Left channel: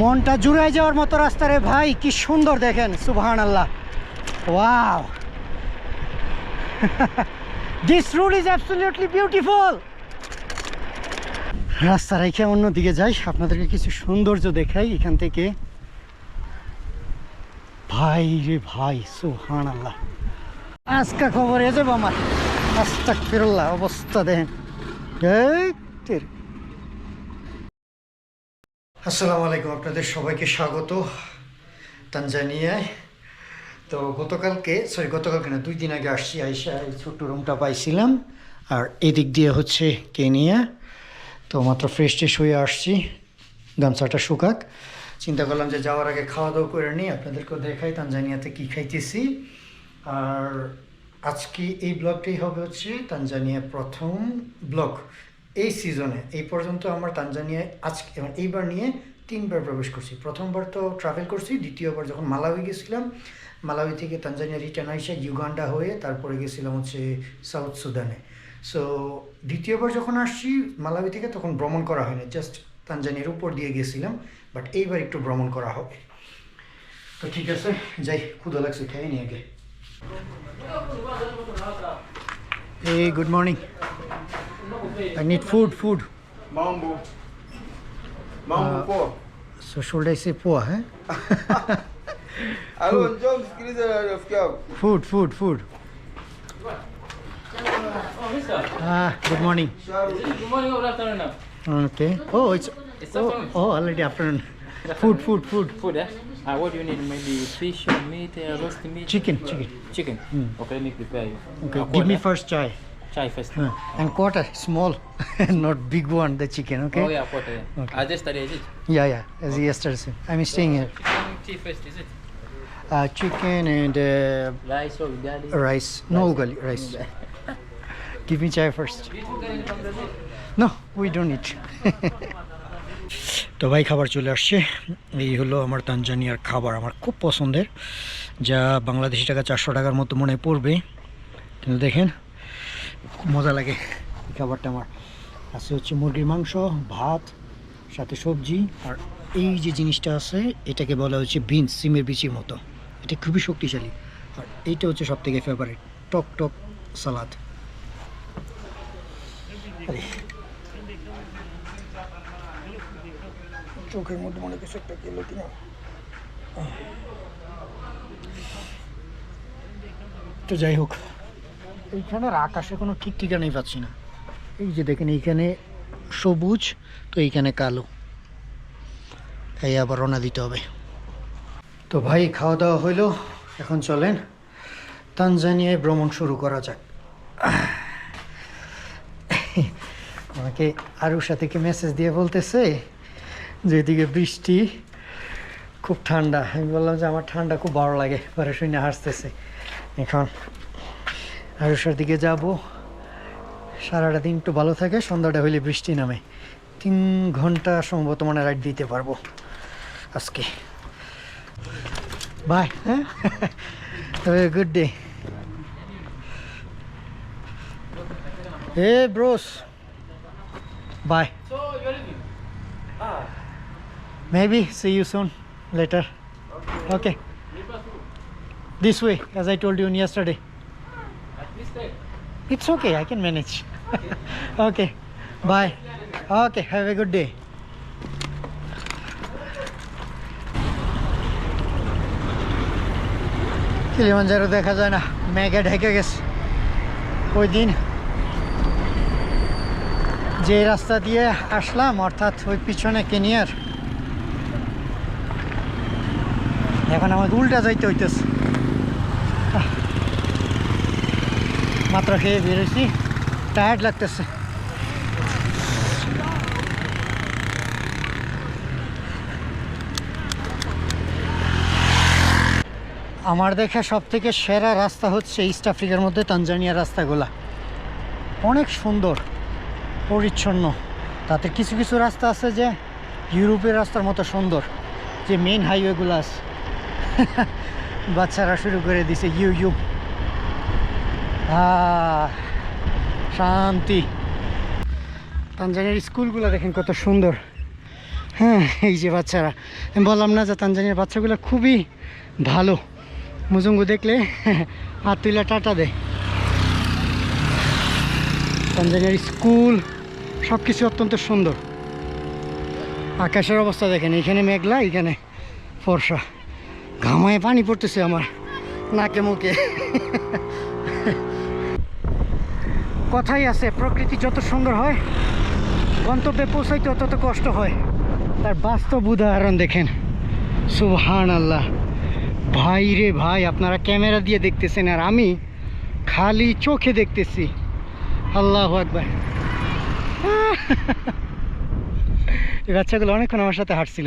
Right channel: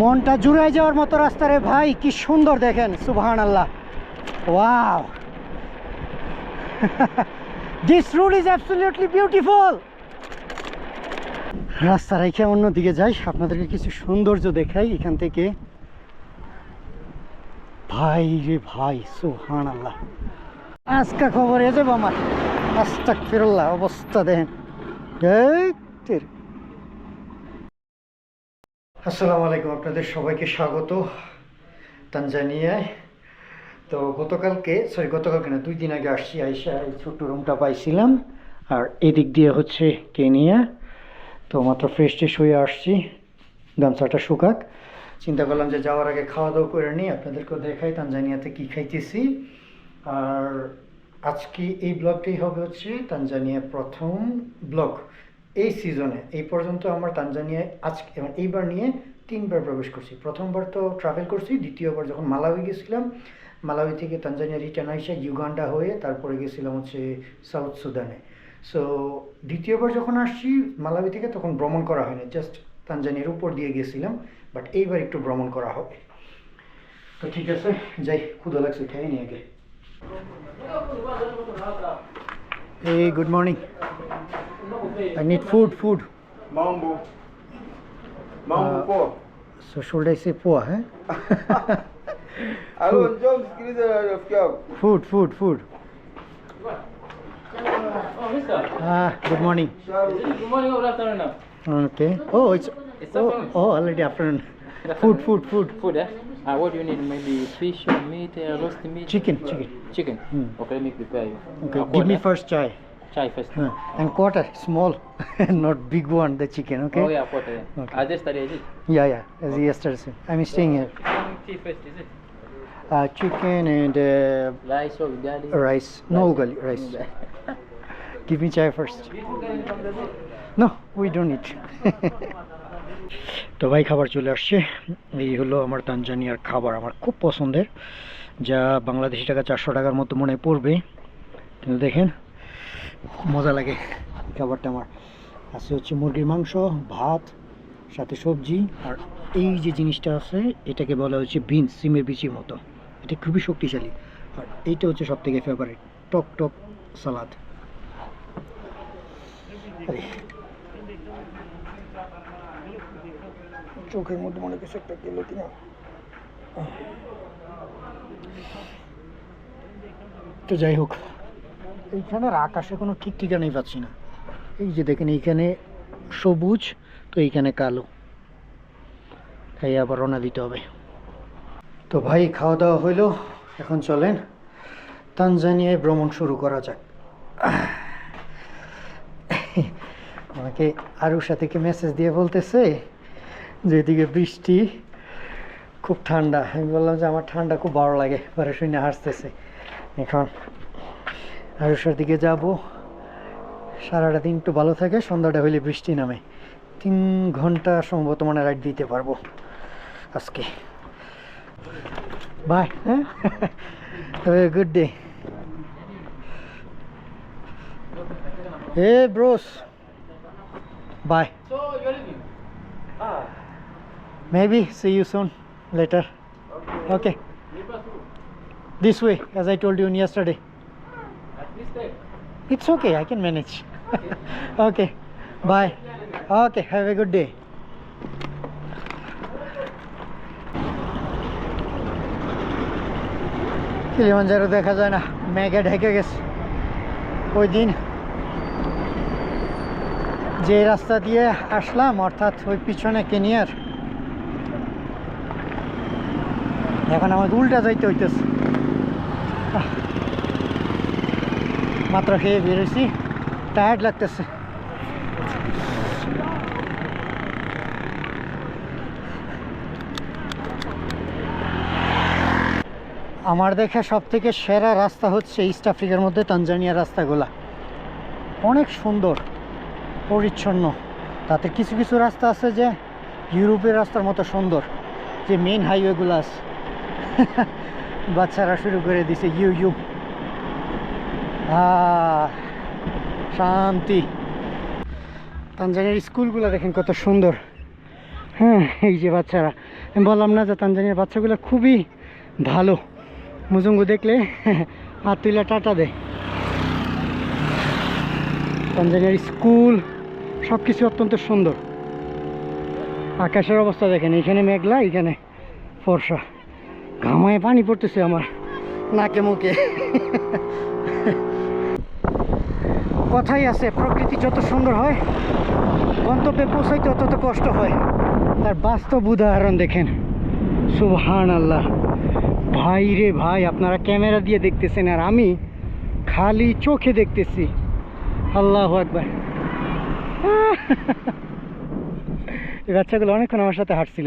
মনটা জুড়ে যাওয়ার মতো রাস্তা রে ভাই, কি সুন্দর দেখেন সুবহান আল্লাহ wow. This road is absolutely beautiful রাস্তা রেখে অন্যদিকে যাই, আপনাদেরকে কিছু সৌন্দর্য দেখাই এখান থেকে। ভাই রে ভাই সুবহান আল্লাহ আজকা খবর এ যাব আমার। আস্তাক ফিরল্লাহ অবস্থা দেখেন। এই। আসসালামু আলাইকুম, আপনাদের সবাইকে স্বাগত তানজানিয়ায়। তো গতকালকে সরি গতকালকে না, দুই দিন আগে আসছি, আইসা এই ছোট্ট রুমটা পাইছিলাম। আর এদিক দিয়ে হচ্ছে কেনিয়া। তো মাত্র ফ্রেশ ট্রেশ হয়ে আসছি, গামছাটা শুকাক। চিন্তা করলাম যে যাওয়ার আগে খাওয়া দাওয়া করে নিই, আপনাদেরকেও দেখাই তানজানিয়াতে কী খাইতেছি। আর আজকে এই ব্লগটাই হবে হচ্ছে তানজানিয়া প্রথম ব্লগ। এই সিজনে এই পর্যন্ত আমার তানজানিয়ায় আজকে এইবার নিয়ে তিনবার প্রবেশ করছি। প্রথমবার তো ট্রাভেল করছি দ্বিতীয়বার যখন মালাউই গেছিলাম মালাউই থেকে তানজানিয়া রিটার্ন আইসা ইউগান্ডা হয়ে তারপরে গেছিলাম হচ্ছে সাউথ সুদানে। সো দ্বিতীয়বার যখন আসছি মালাউই থেকে তখন ভ্রমণ করা হয়নি জাস্ট তানজানিয়ার উপর দিয়ে গেছিলাম বাট এইবার একটু ভ্রমণ করা হবে। তো ঠিক আছে যাই ক্ষুদা লাগছে খেয়ে নিয়ে আগে। Hey, good morning. I need food, food. Mambo. Mambo Ah. poa. So should I say poa, eh? Alô, njoo msikilize rafiki yako. Food, food, food. Oh, mister. Ah, good morning. Sharu. Good morning or afternoon now? Okay. Oh, it's It's oh, oh already afternoon. Food, food, food. Food, eh? Uh, what do you need? Maybe fish or meat, uh, roast meat? Chicken, chicken. Chicken. Hmm. Okay, let me prepare you. Okay, Uh, give me quarter. first chai. Chai first. Uh, and quarter, small, not big one. The chicken, okay? Oh, yeah, quarter. Yeah. Okay. Just study, is it? Yeah, yeah. As okay. yesterday. I'm staying here. Chicken tea first, is it? Uh, chicken and uh, Rice or ugali? rice. No ugali, rice. Give me chai first. No, we don't eat. তো ভাই খাবার চলে আসছে এই হলো আমার তানজানিয়ার খাবার আমার খুব পছন্দের যা বাংলাদেশি টাকা চারশো টাকার মতো মনে পড়বে কিন্তু দেখেন খুব মজা লাগে। খাবারটা আমার আছে হচ্ছে মুরগির মাংস, ভাত, সাথে সবজি, আর এই যে জিনিসটা আছে, এটাকে বলা হচ্ছে বিনস, সিমের বিচির মতো। এটা খুবই শক্তিশালী। আর এইটা হচ্ছে সব থেকে ফেভারিট টক টক সালাদ। চোখের মধ্যে মনে কিছু একটা গেল কিনা। তো যাই হোক এইখানের আকাশে কোনো ঠিক ঠিকানাই পাচ্ছি না। এই যে দেখেন, এইখানে সবুজ, তো এইখানে কালো। তাই আবার রওনা দিতে হবে। তো ভাই খাওয়া দাওয়া হইল। এখন চলেন, তানজানিয়ায় ভ্রমণ শুরু করা যাক। আমাকে আরুর সাথে কি মেসেজ দিয়ে বলতেছে? যে এদিকে বৃষ্টি, খুব ঠান্ডা। আমি বললাম যে আমার ঠান্ডা খুব ভালো লাগে, পরে শুনে হাসতেছে। এখন আরুষার দিকে যাব সারাটা দিন একটু ভালো থাকে সন্ধ্যাটা হইলে বৃষ্টি নামে তিন ঘণ্টা সম্ভবত মানে রাইড দিতে পারব আজকে বাই হ্যাঁ good day a bros bye. Maybe see you soon later. Okay. This way, as I told you yesterday. It's okay, I can manage. okay. Bye. Okay, have a good day. Kilimanjaro দেখা যায় না মেঘে ঢেকে গেছে ওই দিন যে রাস্তা দিয়ে আসলাম অর্থাৎ ওই পিছনে কেনিয়ার এখন আমাকে উল্টা যাইতে হইতেছে। মাত্র খেয়ে বেরোছি টায়ার্ড লাগতেছে। আমার দেখা সব থেকে সেরা রাস্তা হচ্ছে ইস্ট আফ্রিকার মধ্যে তানজানিয়ার রাস্তাগুলা। অনেক সুন্দর, পরিচ্ছন্ন। তাতে কিছু কিছু রাস্তা আছে যে ইউরোপের রাস্তার মতো সুন্দর, যে মেন হাইওয়েগুলো আছে। বাচ্চারা শুরু করে দিছে ইউ ইউ শান্তি। তানজানিয়ার স্কুলগুলো দেখেন কত সুন্দর। হ্যাঁ এই যে বাচ্চারা। আমি বললাম না যে তানজানিয়ার বাচ্চাগুলো খুবই ভালো। মুজুঙ্গু দেখলে হাত তুলে টাটা দেয় তানজানিয়ার স্কুল সব কিছু অত্যন্ত সুন্দর। আকাশের অবস্থা দেখেন, এখানে মেঘলা, এখানে ফর্সা। ঘামায় পানি পড়তেছে আমার, নাকে মুখে। কথাই আছে, প্রকৃতি যত সুন্দর হয়, গন্তব্যে পৌঁছাইতে তত কষ্ট হয়। তার বাস্তব উদাহরণ দেখেন। সুবহান আল্লাহ ভাই রে ভাই, আপনারা ক্যামেরা দিয়ে দেখতেছেন আর আমি খালি চোখে দেখতেছি। আল্লাহ একবার এই বাচ্চাগুলো অনেকক্ষণ আমার সাথে হাঁটছিল।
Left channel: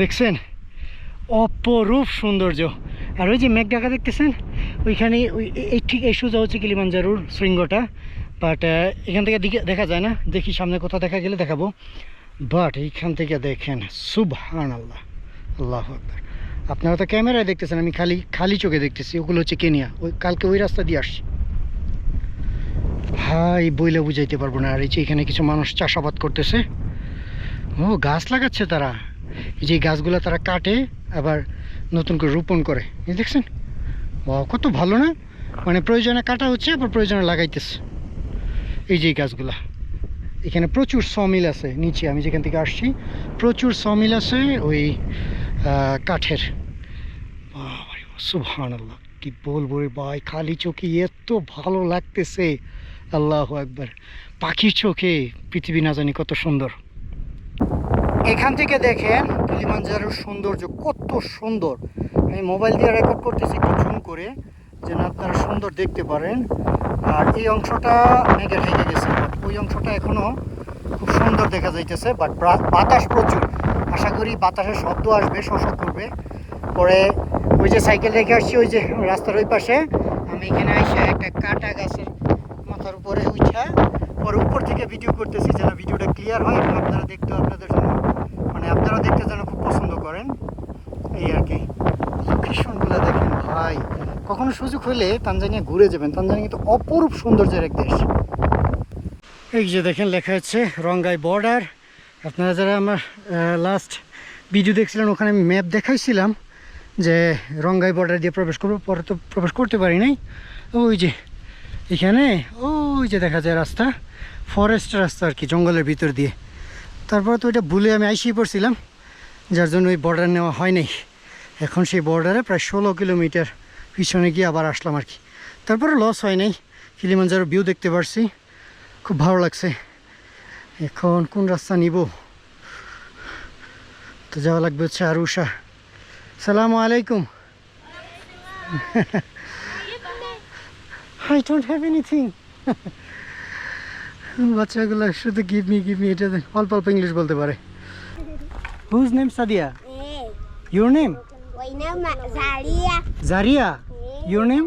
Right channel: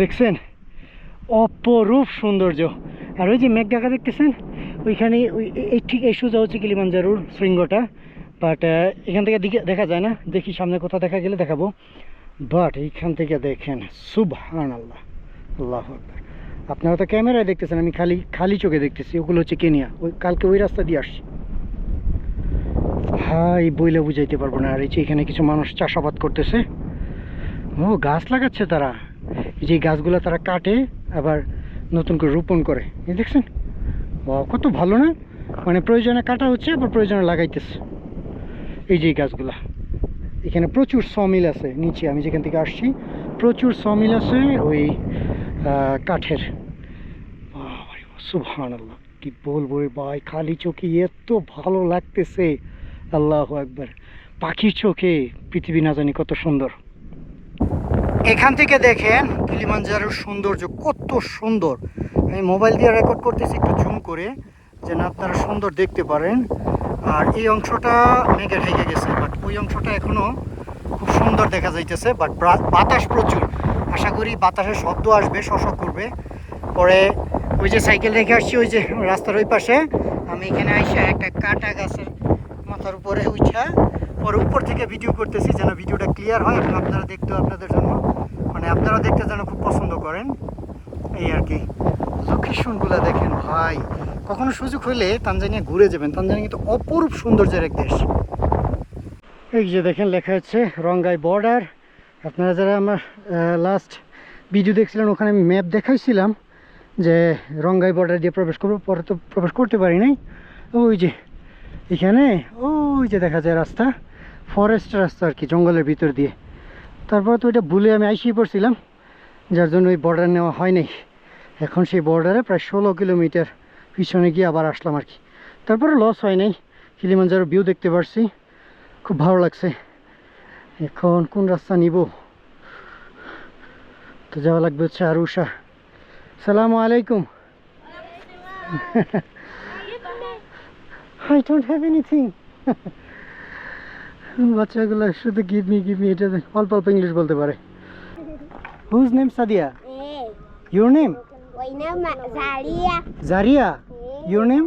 দেখছেন? অপরূপ সৌন্দর্য। আর ওই যে মেঘ ঢাকা দেখতেছেন? ওইখানে ওই, এই ঠিক এই সোজা হচ্ছে কিলিমাঞ্জারুর শৃঙ্গটা। বাট এখান থেকে দেখা যায় না। দেখি সামনে কোথাও দেখা গেলে দেখাবো। বাট এইখান থেকে দেখেন সুবহান আল্লাহ আল্লাহ আকবার। আপনারা তো ক্যামেরায় দেখতেছেন, আমি খালি খালি চোখে দেখতেছি। ওগুলো হচ্ছে কেনিয়া। ওই, কালকে ওই রাস্তা দিয়ে আসছি। হাই, বইলে বুঝাইতে পারব না। আর এই যে এখানে কিছু মানুষ চাষাবাদ করতেছে। ও, গাছ লাগাচ্ছে তারা। এই যে গাছগুলো তারা কাটে, আবার নতুন করে রোপণ করে। দেখছেন? বাহ কত ভালো না? মানে প্রয়োজনে কাটা হচ্ছে, আবার প্রয়োজনে লাগাইতেছে। এই যে গাছগুলা, এখানে প্রচুর সমিল আছে নিচে, আমি যেখান থেকে আসছি, প্রচুর সমিল আছে ওই কাঠের। সুবহান আল্লাহ কি বলব রে ভাই, খালি চোখে এত ভালো লাগতেছে। আল্লাহ একবার পাখির চোখে পৃথিবী না জানি কত সুন্দর। এখান থেকে দেখেন কিলিমাঞ্জারোর সৌন্দর্য কত সুন্দর। আমি মোবাইল দিয়ে রেকর্ড করতেছি একটু জুম করে, যেন আপনারা সুন্দর দেখতে পারেন। আর এই অংশটা মেঘে ঢেকে গেছে বাট ওই অংশটা এখনও খুব সুন্দর দেখা যাইতেছে বাট বাতাস প্রচুর। আশা করি বাতাসের শব্দ আসবে শশক করবে। পরে ওই যে সাইকেল রেখে আসছি, ওই যে রাস্তার ওই পাশে। আমি এখানে আইসা একটা কাটা গাছের মাথার উপরে উঠা পরে উপর থেকে ভিডিও করতেছি যেন ভিডিওটা ক্লিয়ার হয়, এবং আপনারা দেখতেও আপনাদের জন্য মানে আপনারা দেখতে যেন খুব পছন্দ করেন। এই আর কি। লোকেশনগুলো দেখেন ভাই। কখনো সুযোগ হলে তানজানিয়া ঘুরে যাবেন। তানজানিয়া কিন্তু অপরূপ সৌন্দর্যের এক দেশ। এই যে দেখেন, লেখা আছে রঙ্গাই বর্ডার আপনারা যারা আমার লাস্ট ভিডিও দেখছিলেন, ওখানে আমি ম্যাপ দেখাইছিলাম যে রঙ্গাই বর্ডার দিয়ে প্রবেশ করব। পরে তো প্রবেশ করতে পারি নাই। ওই যে এখানে, ওই যে দেখা যায় রাস্তা। ফরেস্ট রাস্তা আর কি, জঙ্গলের ভিতর দিয়ে। তারপর তো ওইটা ভুলে আমি আইসিয়ে পড়ছিলাম, যার জন্য ওই বর্ডার নেওয়া হয় নাই। এখন সেই বর্ডারে প্রায় ষোলো কিলোমিটার পিছনে গিয়ে আবার আসলাম আর কি। তারপরে লস হয় নাই। কিলিমাঞ্জারো ভিউ দেখতে পারছি। খুব ভালো লাগছে। এখন কোন রাস্তা নিব? তো যাওয়া লাগবে হচ্ছে আরুষা সালামু আলাইকুম। আই ডোন্ট হ্যাভ এনিথিং বাচ্চাগুলো শুধু গিভ মি গিভ মি এটা অল্প অল্প ইংলিশ বলতে পারে। Whose name Sadiya your name my name is Zaria. Zaria your name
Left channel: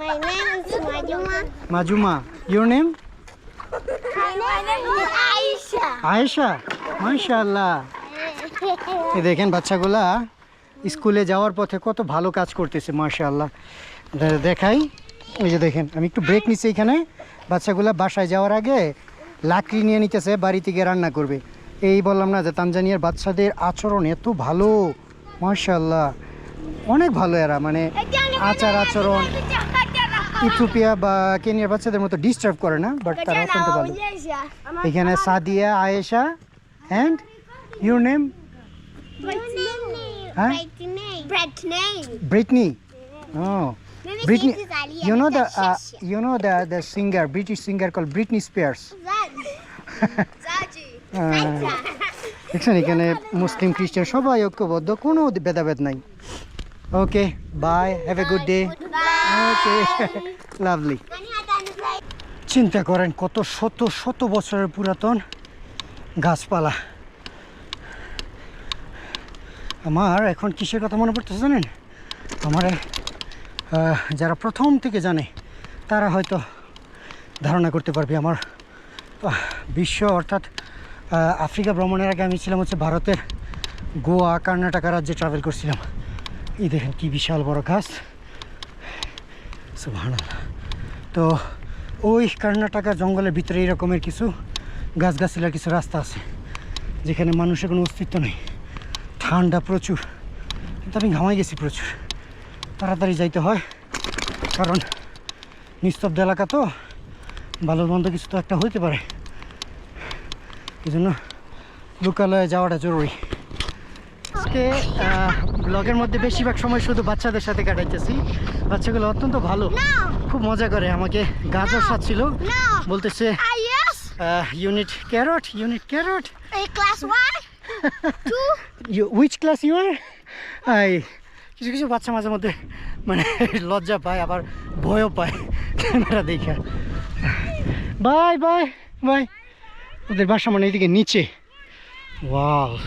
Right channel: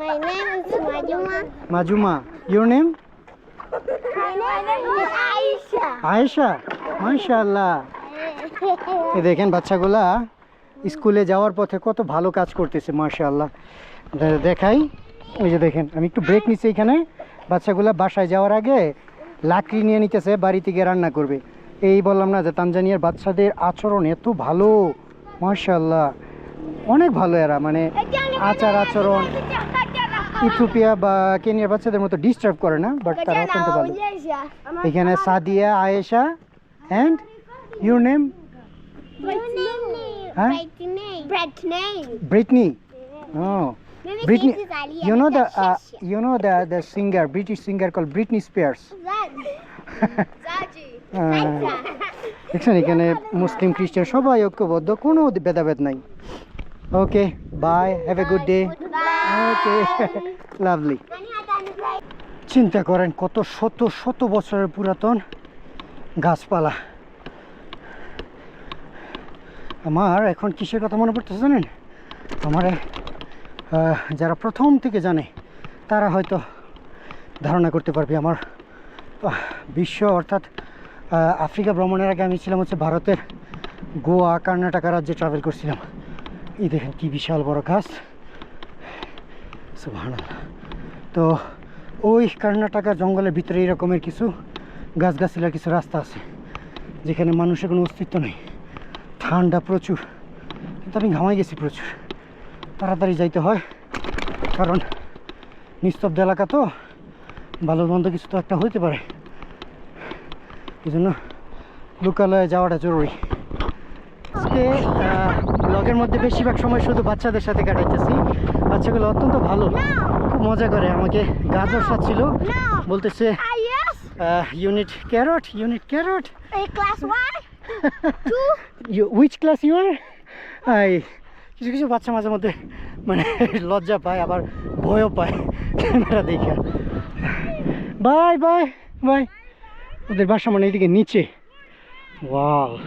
My name is Majuma. Majuma your name My name is Aisha. Ayesha মাশাআল্লাহ এই দেখেন বাচ্চাগুলা স্কুলে যাওয়ার পথে কত ভালো কাজ করতেছে মাশাআল্লাহ। দে- দেখাই। ওই যে দেখেন আমি একটু ব্রেক নিচ্ছি এখানে। বাচ্চাগুলা বাসায় যাওয়ার আগে লাকড়ি নিয়ে নিতেছে বাড়ি থেকে রান্না করবে। এই বললাম না যে তানজানিয়ার বাচ্চাদের আচরণ এত ভালো। মাশাআল্লাহ অনেক ভালো এরা মানে আচার আচরণ ইথিওপিয়া বা কেনিয়ার বাচ্চাদের মতো ডিস্টার্ব করে না বাট তারা অত্যন্ত ভালো এখানে Sadiya Ayesha and your name name. Britney O Britney, you know the This is uh, Shasha. you know the the singer British singer called Britney Spears. Zaji. দেখছেন, এখানে মুসলিম, খ্রিস্টান সবাই ঐক্যবদ্ধ, কোনো ভেদাভেদ নাই। Okay bye have a good day okay lovely চিন্তা করেন, কত শত শত বছরের পুরাতন গাছপালা। আমার এখন কিসের কথা মনে পড়তেছে জানেন? আমার যারা প্রথম থেকে জানে, তারা হয়তো ধারণা করতে পারবে আমার বিশ্ব অর্থাৎ আফ্রিকা ভ্রমণের আগে আমি ছিলাম হচ্ছে ভারতের গোয়া, কর্ণাটকা রাজ্যে ট্রাভেল করছিলাম। এই দেখেন কি বিশাল বড় গাছ। তো ওই কর্ণাটকা জঙ্গলের ভিতরে এই রকমের কিছু গাছগাছিলার কিছু রাস্তা আছে, যেখানে মানুষের কোনো অস্তিত্ব নেই। ঠান্ডা প্রচুর। কিন্তু আমি ঘামাই গেছি প্রচুর। তাড়াতাড়ি যাইতে হয়, কারণ নিস্তব্ধ এলাকা তো। ভালো মন্দ কিছু তো একটা হইতে পারে। এই জন্য লোকালয়ে যাওয়াটা জরুরি। আজকে ব্লগের মধ্যে বেশিরভাগ সময় শুধু বাচ্চাদের সাথে কাটাইতেছি। বাচ্চাগুলো অত্যন্ত ভালো। খুব মজা করে আমাকে গাজর ছিল বলতেছে unit carrot unit carrot which class you are I কিছু কিছু বাচ্চা মাঝে মধ্যে মানে লজ্জা পায় আবার ভয়ও পায়। ক্যামেরা দেখে। Bye bye bye. ওদের বাসা মানে এদিকে নিচে। ওয়াও।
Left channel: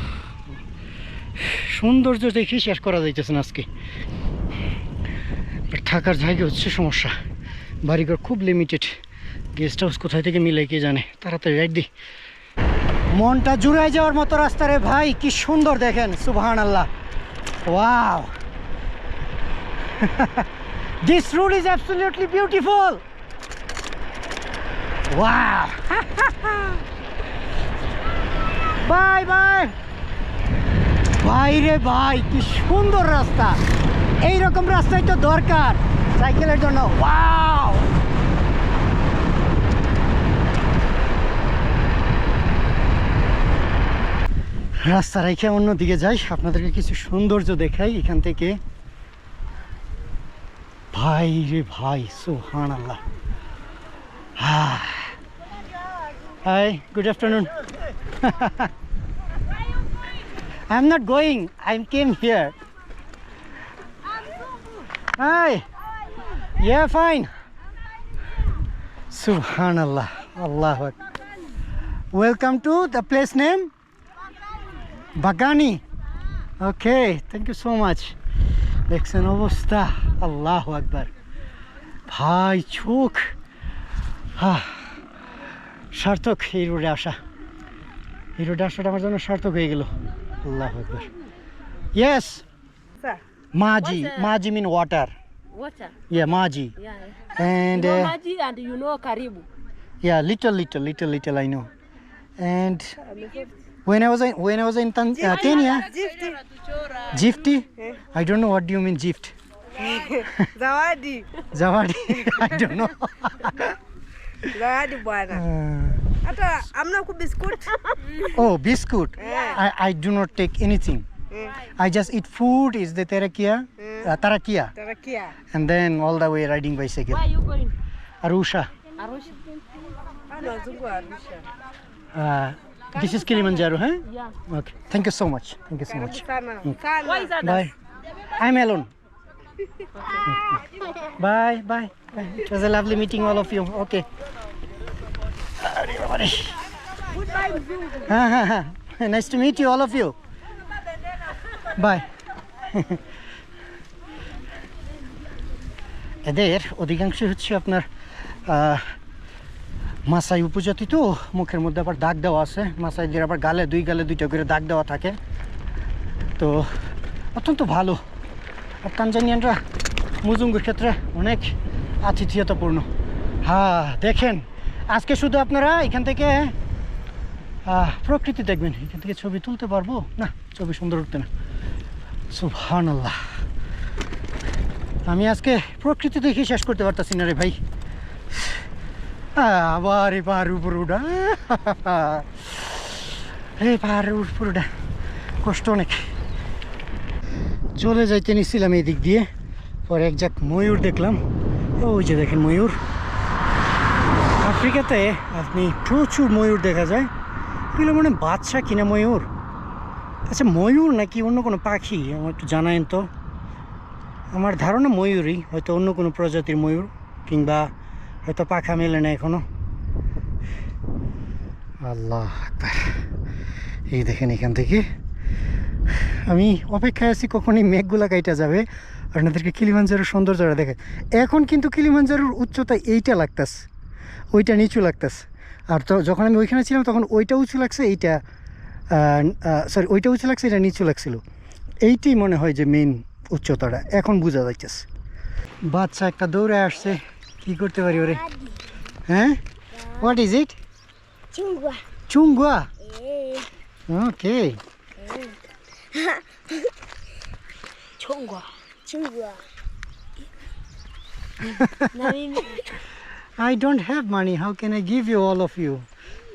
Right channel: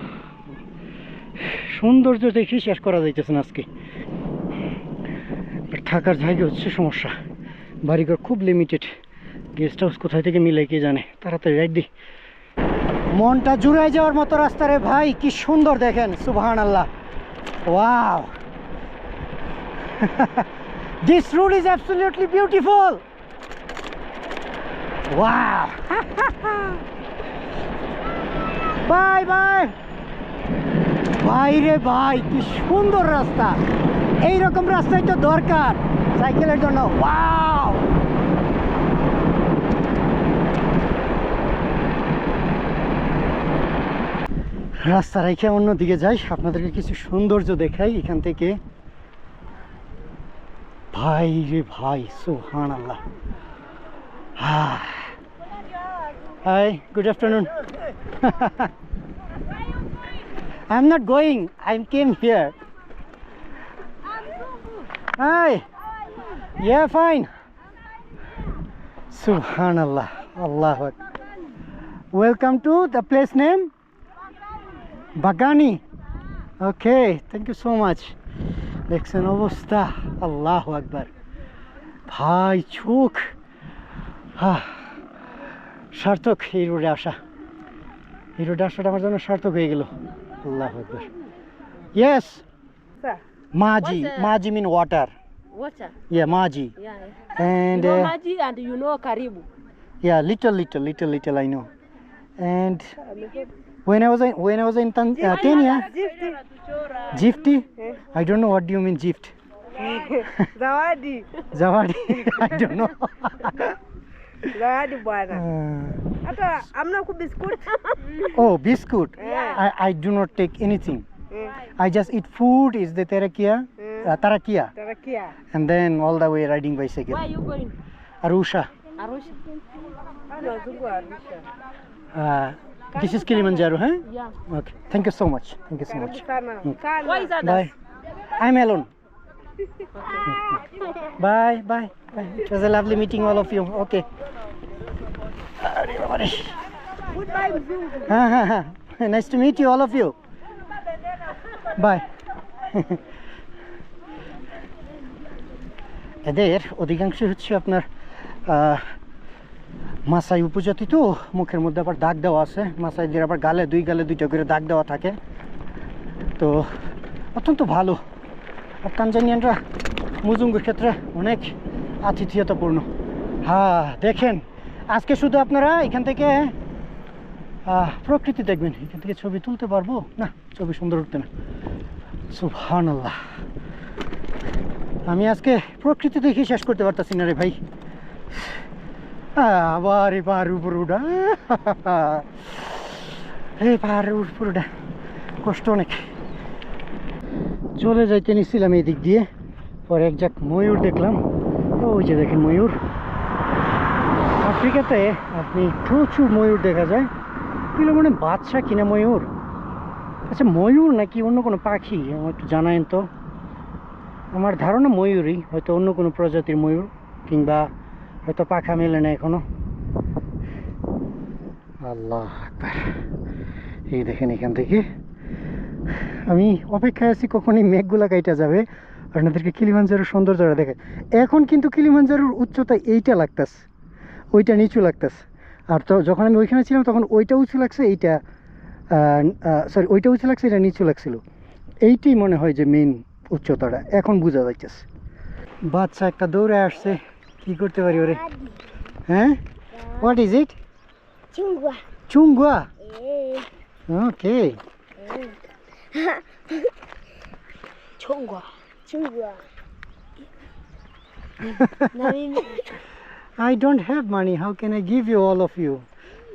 সৌন্দর্য দেখে শেষ করা যাইতেছে না আজকে। থাকার জায়গা হচ্ছে সমস্যা। বাড়িঘর খুব লিমিটেড গেস্ট হাউস কোথায় থেকে মিলে, কে জানে? তাড়াতাড়ি রাইট দি। মনটা জুড়াই যাওয়ার মতো রাস্তা রে ভাই, কি সুন্দর দেখেন সুবহান আল্লাহ wow. This road is absolutely beautiful wow. Bye ভাই। ভাই রে ভাই, কি সুন্দর রাস্তা। এই রকম রাস্তাই তো দরকার সাইকেলের জন্য। ওয়াও। রাস্তা রেখে অন্যদিকে যাই, আপনাদেরকে কিছু সৌন্দর্য দেখাই এখান থেকে। ভাই রে ভাই সোহান আল্লাহ hi good afternoon I am not going I am came here hi yeah fine সুবহান আল্লাহ আল্লাহ welcome to the place name বাগানি okay thank you so much দেখছেন অবস্থা আল্লাহ আকবার ভাই চোখ হা সার্থক এই রোডে আসা এই রোডে আসাটা আমার জন্য সার্থক হয়ে গেল আল্লাহ আকবার ইয়েস Sir, মাজি What's, uh, মাজি মিন ওয়াটার water. ইয়া মাজি Yeah. yeah. and you know uh, Maji and you know Karibu. yeah little little little little I know and when I was in, when I was in Tan- uh, Kenya Gifty I don't know what do you mean gift Zawadi. Zawadi I don't know Zawadi bwana. Uh, Hata amna ku biscuit. oh biscuit I, I do not take anything I just eat food is the terakia uh, tarakia Tarakia. and then all the way riding bicycle Where are you going? Arusha Arusha. Ano wazungu Arusha. uh, this is Kilimanjaro huh Yeah. okay thank you so much thank you so much Sana. Sana. Why is that? Bye. I'm alone. Bye, bye, bye. It was a lovely meeting all of you. Okay. Nice to meet you all of you bye এদের অধিকাংশ হচ্ছে আপনার মাসাই উপজাতি তো মুখের মধ্যে আবার দাগ দেওয়া আছে মাসাইদের আবার গালে দুই গালে দুইটা করে দাগ দেওয়া থাকে তো অত্যন্ত ভালো তানজানিয়ানরা মুজুঙ্গুর ক্ষেত্রে অনেক আতিথেয়তাপূর্ণ। হ্যাঁ দেখেন, আজকে শুধু আপনারা এখান থেকে প্রকৃতি দেখবেন। এখান থেকে ছবি তুলতে পারব? না, ছবি সুন্দর উঠতে না। সুবহান আল্লাহ আমি আজকে প্রকৃতি দেখে শেষ করতে পারতাছি না রে ভাই। আবার এবার উপর উঠা। এবার উপর উঠা। কষ্ট অনেক। চলে যাইতে নিছিলাম এই দিক দিয়ে। পরে এক ময়ূর দেখলাম। ওই যে দেখেন ময়ূর। আফ্রিকাতে আপনি প্রচুর ময়ূর দেখা যায়। এগুলো মানে বাচ্চা কিনা ময়ূর? আচ্ছা ময়ূর নাকি অন্য কোনো পাখি? আমার একটু জানায়েন তো। আমার ধারণা ময়ূরই, হয়তো অন্য কোনো প্রজাতির ময়ূর কিংবা হয়তো পাখা মেলে না এখনও। আল্লাহ এই দেখেন এখান থেকে। আমি অপেক্ষায় আছি কখনই মেঘগুলা কাইটা যাবে আপনাদেরকে কিলিমাঞ্জারোর সৌন্দর্যটা দেখে। এখন কিন্তু কিলিমাঞ্জারোর উচ্চতা এইটা লাগতাস ওইটা নিচু লাগতাস আর তো যখন আমি ওইখানে ছিলাম তখন ওইটা উঁচু লাগছে এইটা সরি ওইটা উঁচু লাগছে এটা নিচু লাগছিল। এইটাই মনে হয় যে মেন উচ্চতাটা এখন বোঝা যাইতেছে। বাচ্চা একটা দৌড়ে আসছে কি করতে পারি ওরে? হ্যাঁ? What is it Chungwa. চুঙ্গুয়া? Eh. 中国，中国。I don't have money. How can I give you all of you?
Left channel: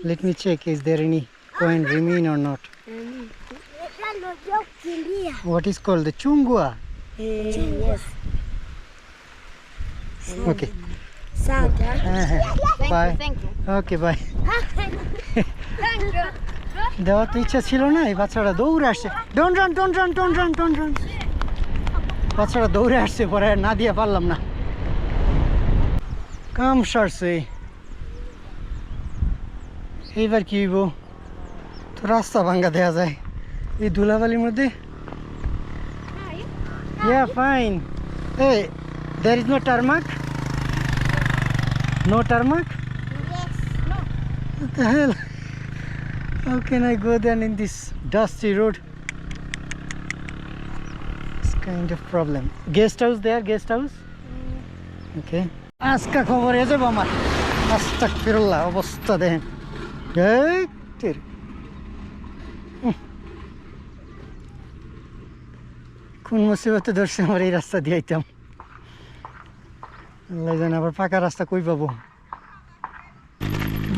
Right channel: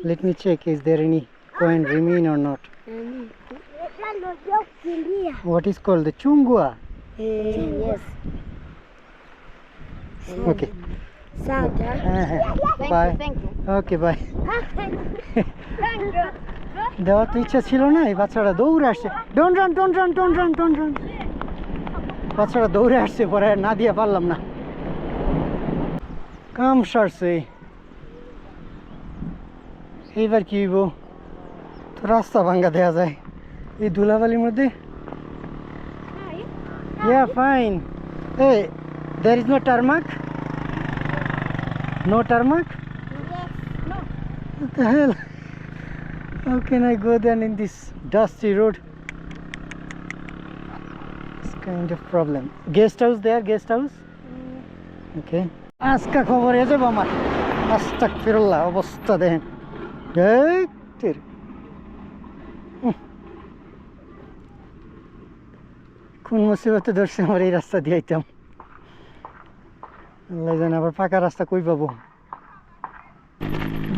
Let me check. Is there any coin remain or not? What is called the chungua? Yes. Okay. Sad, huh? Uh-huh. Thank bye. You, thank you. Okay, bye. thank you. দেওয়ার তো ইচ্ছা ছিল না এই বাচ্চাটা দৌড়ে আসছে। Don't run don't run don't run don't run বাচ্চাটা দৌড়ে আসছে পরে আর না দিয়ে পারলাম না। কাম সারছে। এইবার কি হইব? তো রাস্তা ভাঙ্গা দেওয়া যায়। এই ধুলাবালির মধ্যে? Yeah fine ah there is no tarmac no tarmac What the hell? How can I go then in this dusty road? It's kind of problem. Guest house there, guest house? Okay. আজকা খবর এ যাব আমার আস্তাক ফিরল্লা অবস্থা দেখেন। উহ। কোন মুসিবতে ধরছে আমার এই রাস্তা দিয়ে আইতাম আল্লাহ জানে আবার পাকা রাস্তা কই পাবো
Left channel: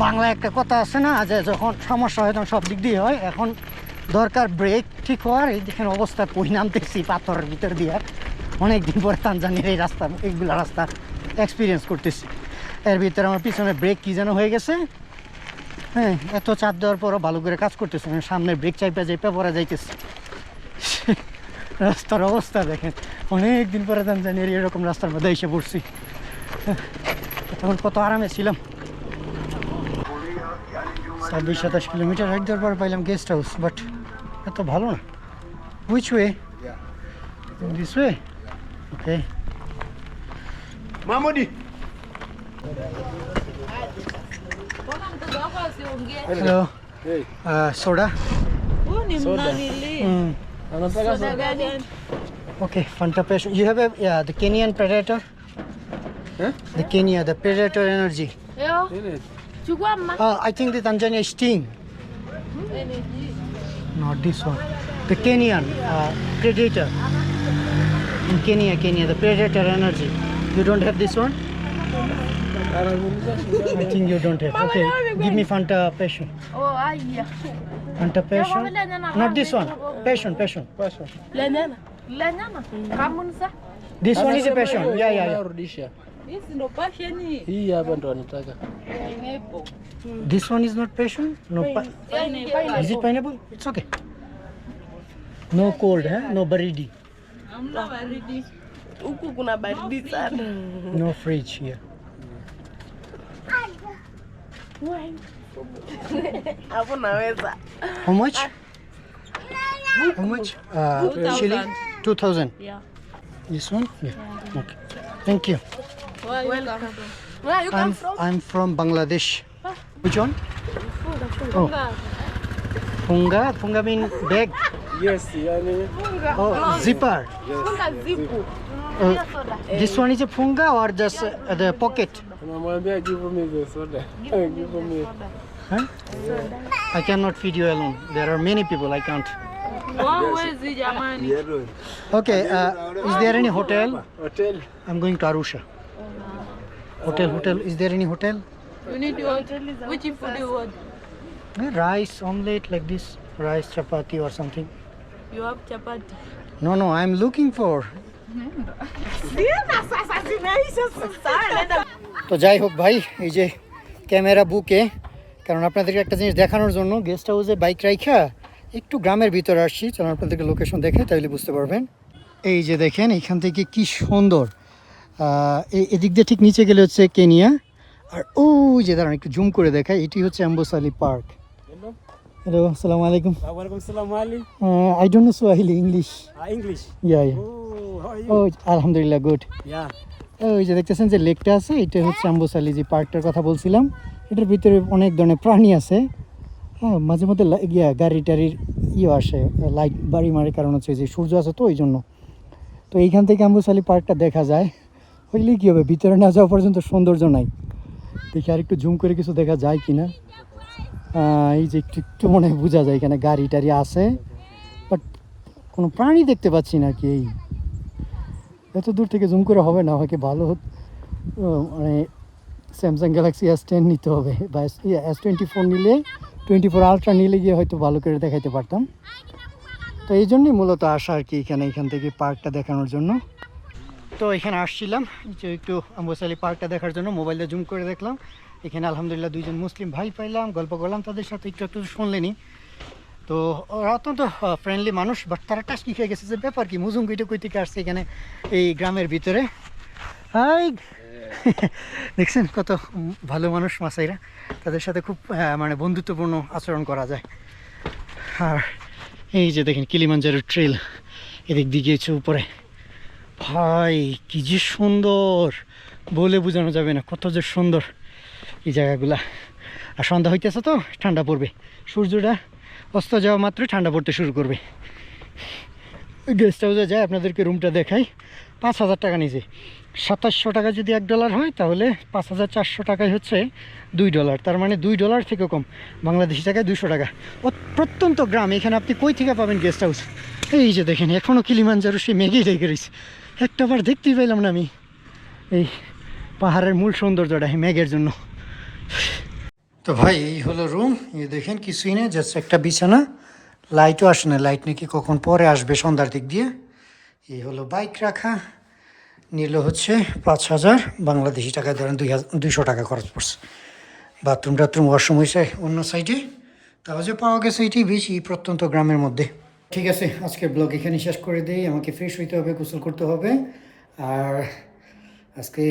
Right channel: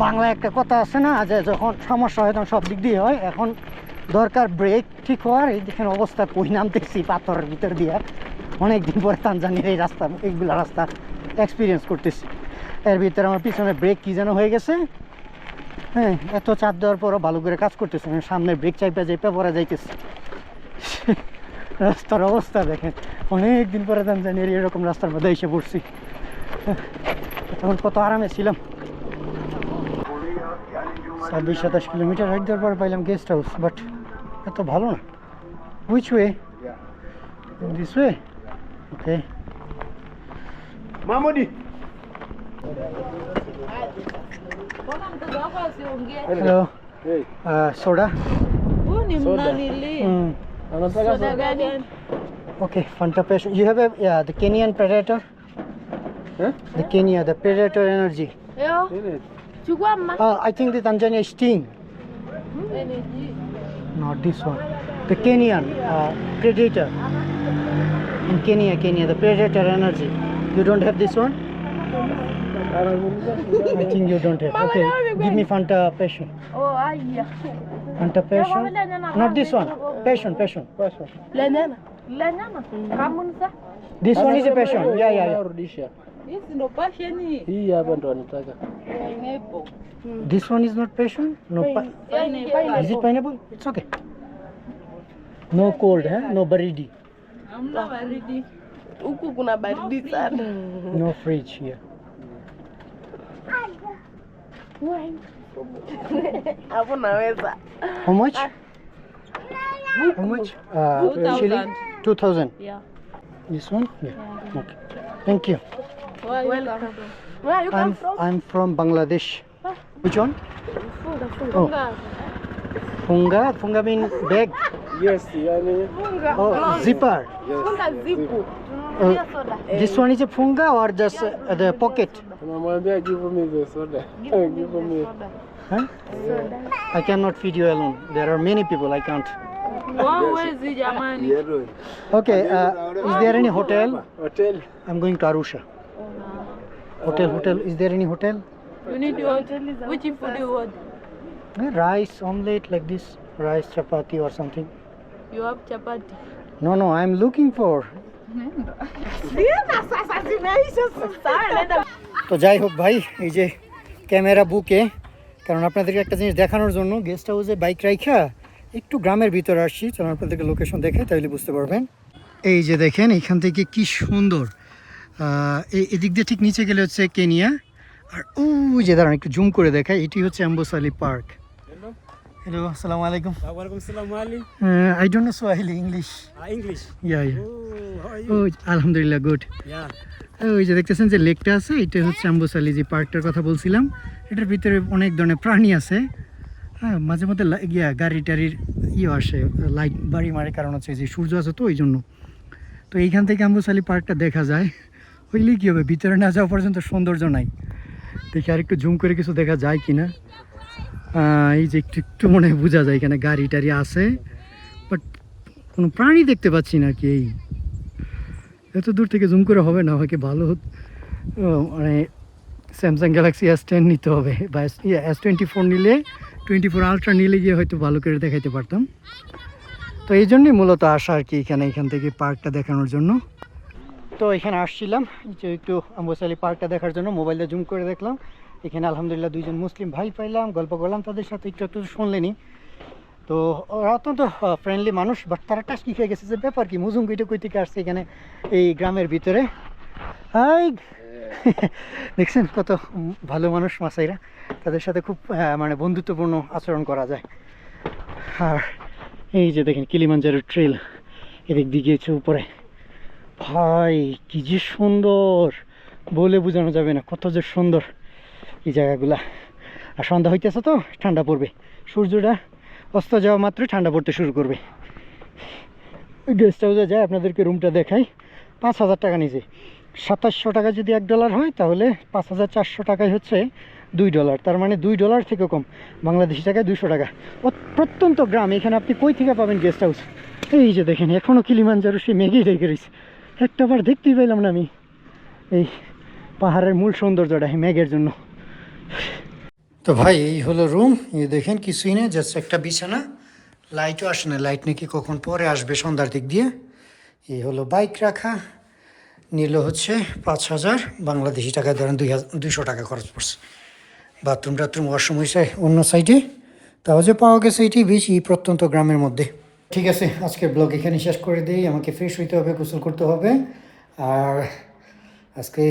বাংলায় একটা কথা আছে না, যে যখন সমস্যা হয় তখন সব দিক দিয়ে হয়। এখন দরকার ব্রেক ঠিক হওয়ার, এই দেখেন অবস্থা কই নামতেছি পাথরের ভিতর দিয়ে। অনেক দিন পরে তানজানির এই রাস্তা, এইগুলা রাস্তা এক্সপিরিয়েন্স করতেছি। এর ভিতরে আমার পিছনে ব্রেক কী যেন হয়ে গেছে। হ্যাঁ এত চাপ দেওয়ার পরও ভালো করে কাজ করতেছে আমি সামনে ব্রেক চাইপা চাইপা পরে যাইতেছি। রাস্তার অবস্থা দেখেন অনেক দিন পরে তানজানির এরকম রাস্তার মধ্যে এসে পড়ছি। তখন কত আরামে ছিলাম। ছাব্বিশ সাতাশ কিলোমিটার হাইট দেওয়ার পর পাইলাম গেস্ট হাউস বাট এত ভালো না। Which way this way okay Mamodi. Hello Hey. Soda Huu ni mnanili. Anataka Soda gani? Okay Fanta passion you have a the Kenyan predator Huh? The Uh, I think the Tanzania sting. Not this one. The Kenyan uh, predator. In Kenya, Kenya, the predator energy. You don't have this one? I think you don't have. Okay, give me Fanta Passion. Oh, yeah. Fanta Passion. Not this one. Passion, Passion. Passion. This one is a passion. Yeah, yeah, yeah. Rudisha. Hizi ndo pasheni. Hii hapa ndo anataka. Pineapple. Hmm. this one is not passion no pi- Pineapple. is it pineapple it's okay no cold huh? no baridi Hamna baridi. Huku kuna baridi sana. no fridge here Hapo naweza. how much ah. how much uh, chili 2000 Yeah. This one? Yeah. Okay. Thank you. Welcome. Where you I'm I'm from Bangladesh. Which one? Oh. Punga? Punga mean bag? Yes, yani. Oh, zipper. Funga zipu. Uh, this one is a punga or just uh, the pocket? Namwambia give me the soda. Give me. Huh? I cannot feed you alone. There are many people. I can't. Okay. Uh, is there any hotel? Hotel. I'm going to Arusha. Hotel, hotel. Is there any hotel? You need what? Which food you want? Eh, Rice, omelette like this. Rice, chapati or something. You have chapati. No, no. I'm looking for. তো যাই হোক ভাই এই যে camera বুকে কারণ আপনাদেরকে একটা জিনিস দেখানোর জন্য গেস্ট হাউসে বাইক রাইখা একটু গ্রামের ভিতরে আসছি চলুন আপনাদেরকে লোকেশন দেখে তাহলে বুঝতে পারবেন এই যে দেখেন এখান থেকে কি সুন্দর এদিক দিয়ে ঠিক নিচে গেলে হচ্ছে কেনিয়া। আর ও যে দাঁড়ান একটু জুম করে দেখায় এটি হচ্ছে অ্যাম্বোসালি পার্ক। হ্যালো আসসালামু আলাইকুম. I don't know Swahili English English. Yeah yeah Oh, oh আলহামদুলিল্লাহ গুড. ওই যে দেখতেছেন যে লেকটা আছে এটা হচ্ছে আম্বুসালি যে পার্কটার কথা বলছিলাম। এটার ভিতরে অনেক ধরনের প্রাণী আছে। হ্যাঁ মাঝে মধ্যে ইয়া গাড়ি টাড়ির ইয়ে আসে লাইট বাড়ি মারে কারণ হচ্ছে যে সূর্য আছে তো ওই জন্য। তো এইখান থেকে আম্বুসালি পার্কটা দেখা যায়। হইলে কী হবে? ভিতরে না যাওয়া পর্যন্ত সৌন্দর্য নাই। দেখি আর একটু জুম করে কিছু দেখা যায় কি না এই যে একটু একটু মনে বোঝা যায় এখানে গাড়ি টাড়ি আছে। বাট কোনো প্রাণী দেখতে পাচ্ছি না কি এই? এত দূর থেকে জুম করে হবে না, আমাকে ভালো মানে স্যামসাং গ্যালাক্সি এস টেন নিতে হবে। বা এস টোয়েন্টি ফোর নিলে টোয়েন্টি ফোর আলট্রা নিলে গিয়ে হয়তো ভালো করে দেখাইতে পারতাম। তো এই জন্যই মূলত আসা আর কি এখানে, এখান থেকে পার্কটা দেখানোর জন্য। তো এখানে আসছিলাম, যে একটু আম্বুসালি পার্কটা দেখার জন্য মোবাইলটা জুম করে দেখলাম। এখানে আলহামদুলিল্লাহ দুইজন মুসলিম ভাই পাইলাম, গল্প করলাম তাদের সাথে, একটু একটু শুনলেনি। তো ওরা অত্যন্ত ফ্রেন্ডলি মানুষ বাট তারা টাস্কি খেয়ে গেছে যে ব্যাপার কি? মুজুম কইটা কই থেকে আসছে এখানে, এই গ্রামের ভিতরে? হাই! দেখছেন কত ভালো মানুষ মাসাইরা। তাদের সাথে খুব মানে বন্ধুত্বপূর্ণ আচরণ করা যায়। আর এই যে দেখেন কিলিমাঞ্জারো ট্রেল এদিক গিয়েছে উপরে। ভাই, কি যে সুন্দর। বলে বোঝানো যাবে না, কত যে সুন্দর এই জায়গাগুলা। আর সন্ধ্যা হইতেছে তো, ঠান্ডা পড়বে। সূর্যটা অস্ত যাওয়া মাত্রই ঠান্ডা পড়তে শুরু করবে। গেস্ট হাউসে যায় আপনাদেরকে রুমটা দেখাই। পাঁচ হাজার টাকা নিচে সাতাশশো টাকা যদি এক ডলার হয়, তাহলে পাঁচ হাজার চারশো টাকায় হচ্ছে দুই ডলার তার মানে দুই ডলার থেকে কম। বাংলাদেশি টাকায় দুশো টাকা। অত- প্রত্যন্ত গ্রাম। এখানে আপনি কই থেকে পাবেন গেস্ট হাউস এই যে দেখেন এখনও কিলিমাঞ্জারো সে মেঘেই রেখে রয়েছে একটা বার দেখতেই পেলাম না আমি। এই পাহাড়ের মূল সৌন্দর্যটা মেঘের জন্য। তো ভাই, এই হলো রুম এই দেখেন, কিছুই না জাস্ট একটা বিছানা। লাইটও আসে না। লাইট নাকি কখন পরে আসবে সন্ধ্যার দিক দিয়ে। এই হলো বাইক রাখা। নিল হচ্ছে পাঁচ হাজার। বাংলাদেশি টাকায় ধরেন দুই দুইশো টাকা খরচ পড়ছে। বাথরুম টাথরুম ওয়াশরুম হয়েছে অন্য সাইডে তাও যে পাওয়া গেছে, এটি বেশি প্রত্যন্ত গ্রামের মধ্যে। ঠিক আছে, আজকের ব্লগ এখানে শেষ করে দিই। আমাকে ফ্রেশ হইতে হবে, গোসল করতে হবে। আর আজকে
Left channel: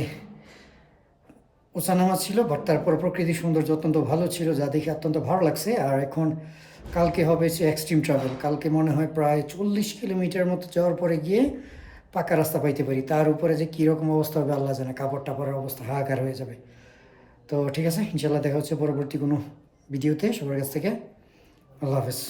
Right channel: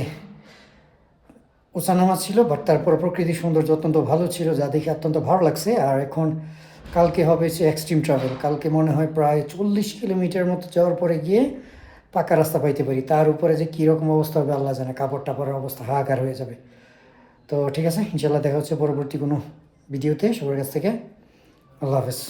ওসানামা ছিল বাট তারপর প্রকৃতির সৌন্দর্য অত্যন্ত ভালো ছিল, যা দেখে অত্যন্ত ভালো লাগছে। আর এখন কালকে হবে হচ্ছে এক্সট্রিম ট্রাভেল কালকে মনে হয় প্রায় চল্লিশ কিলোমিটার মতো যাওয়ার পরে গিয়ে পাকা রাস্তা পাইতে পারি। তার উপরে যে কীরকম অবস্থা হবে আল্লাহ জানে, কাপড় টাপড়ের অবস্থা হাহাকার হয়ে যাবে। তো ঠিক আছে ইনশাল্লাহ দেখা হচ্ছে পরবর্তী কোনো ভিডিওতে। সবার কাছ থেকে আল্লাহ হাফেজ।